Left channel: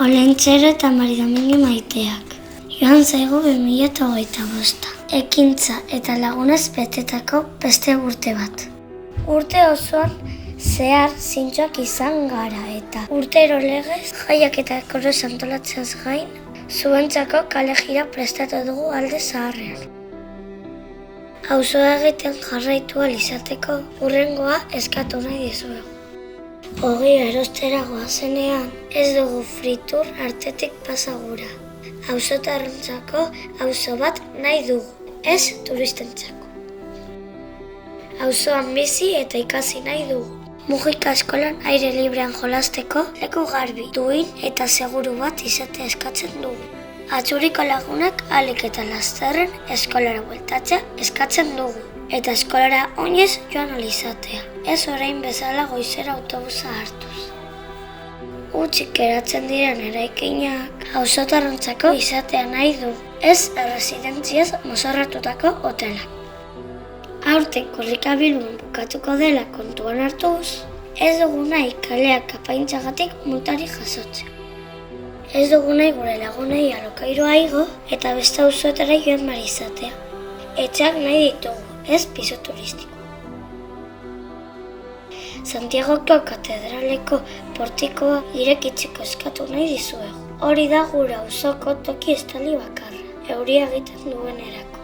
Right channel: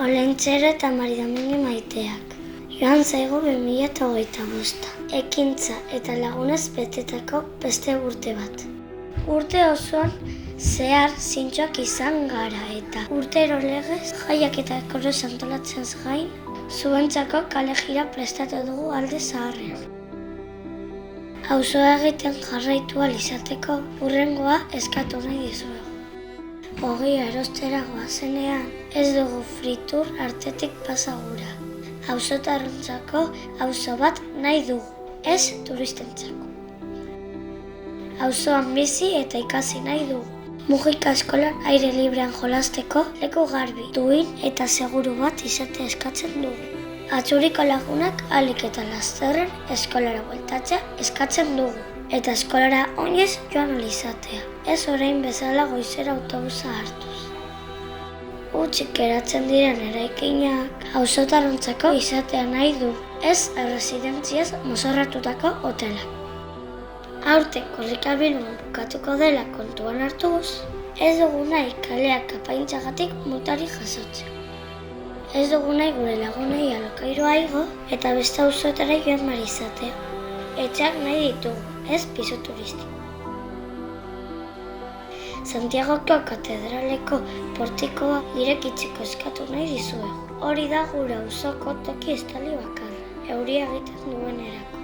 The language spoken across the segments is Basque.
Olentzero eta Maridomingi maiteak. Joan zaigu 2025. Ekintza eta lagunez betetako beste urte bat. Urte osoan zehar zintzoak izan gara eta urtero legez jaiak eta koroz antolatzeaz gain, zuentzako kale jira prestatu dugu alde zaharrean. Auzoa egiten jarraitu ahal izateko hurrengoa eskatu nahi dizuegu. Ogia erostera goazenean ez dugu fritur artetik pasa gura. Auzotarrentzako auzo bat nahi dugu, ez turistentzako. Auzoan bizi eta ikasi nahi dugu. Mujika eskolan aire librean jolasteko leku garbi, duin eta seguru bat izatea eskatzen dugu. Atzuriko lagunak ahalik eta lasterren eskolara bueltatzea eskatzen dugu. Eta eskolara oinez joan ahal izatea, ez orain bezala goizera autobusa hartuz. Hutsik geratzen diren eraikinak auzotarrentzako izatea nahi du, ez erresidentziaz mozorratutako hotelak. Aurten korrikabilun bukatuko dela kontuan hartuz, ez dugu nahi kaleak apaintzagatik multari jasotzea. Ez dugu nahi gure lagunei alokairoa igo eta beste auzoetara joan behar izatea. Etxeak nahi ditugu, ez piso turistiko. Santiagoko katedraleko portikoa irekitzeko eskatu nahi dizuegu. Hori da gure auzoko toki estali bakarra, euria egiten duenerako.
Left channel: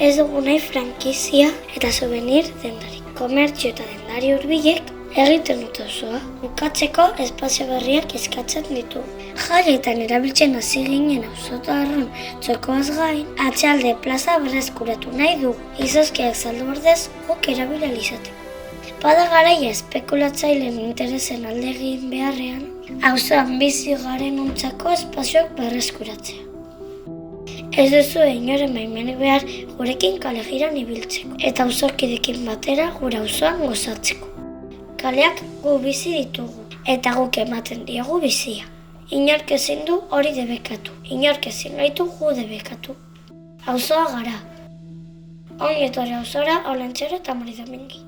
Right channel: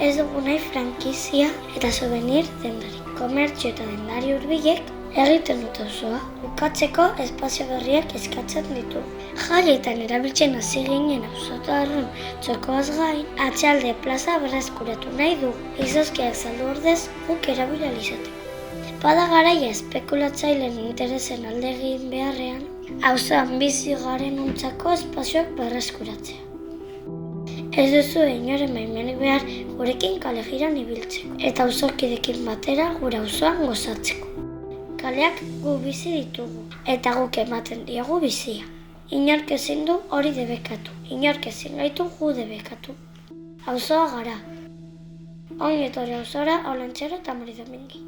Ez dugu nahi frankizia eta souvenir dendarik. Komertzio eta dendari hurbilek egiten dute auzoa. Bukatzeko espazio berriak eskatzen ditu. Jarrietan erabiltzen hasi ginen auzotarren txokoaz gain, atxalde plaza berreskuratu nahi dugu. Izozkiak saldu ordez guk erabili ahal izateko. Bada garaia espekulatzaileen interesen alde egin beharrean, auzoan bizi garen ontzako espazioak berreskuratzea. Ez duzu inoren baimenik behar gurekin kale jiran ibiltzeko eta auzokidekin batera gure auzoan gozatzeko. Kaleak gu bizi ditugu eta guk ematen diogu bizia. Inork ezin du hori debekatu, inork ezin gaitu gu debekatu. Auzoa gara. Ongi etorri auzora, Olentzero eta Maridomingi.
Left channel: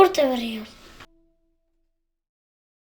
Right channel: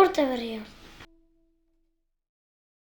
Urte berri on.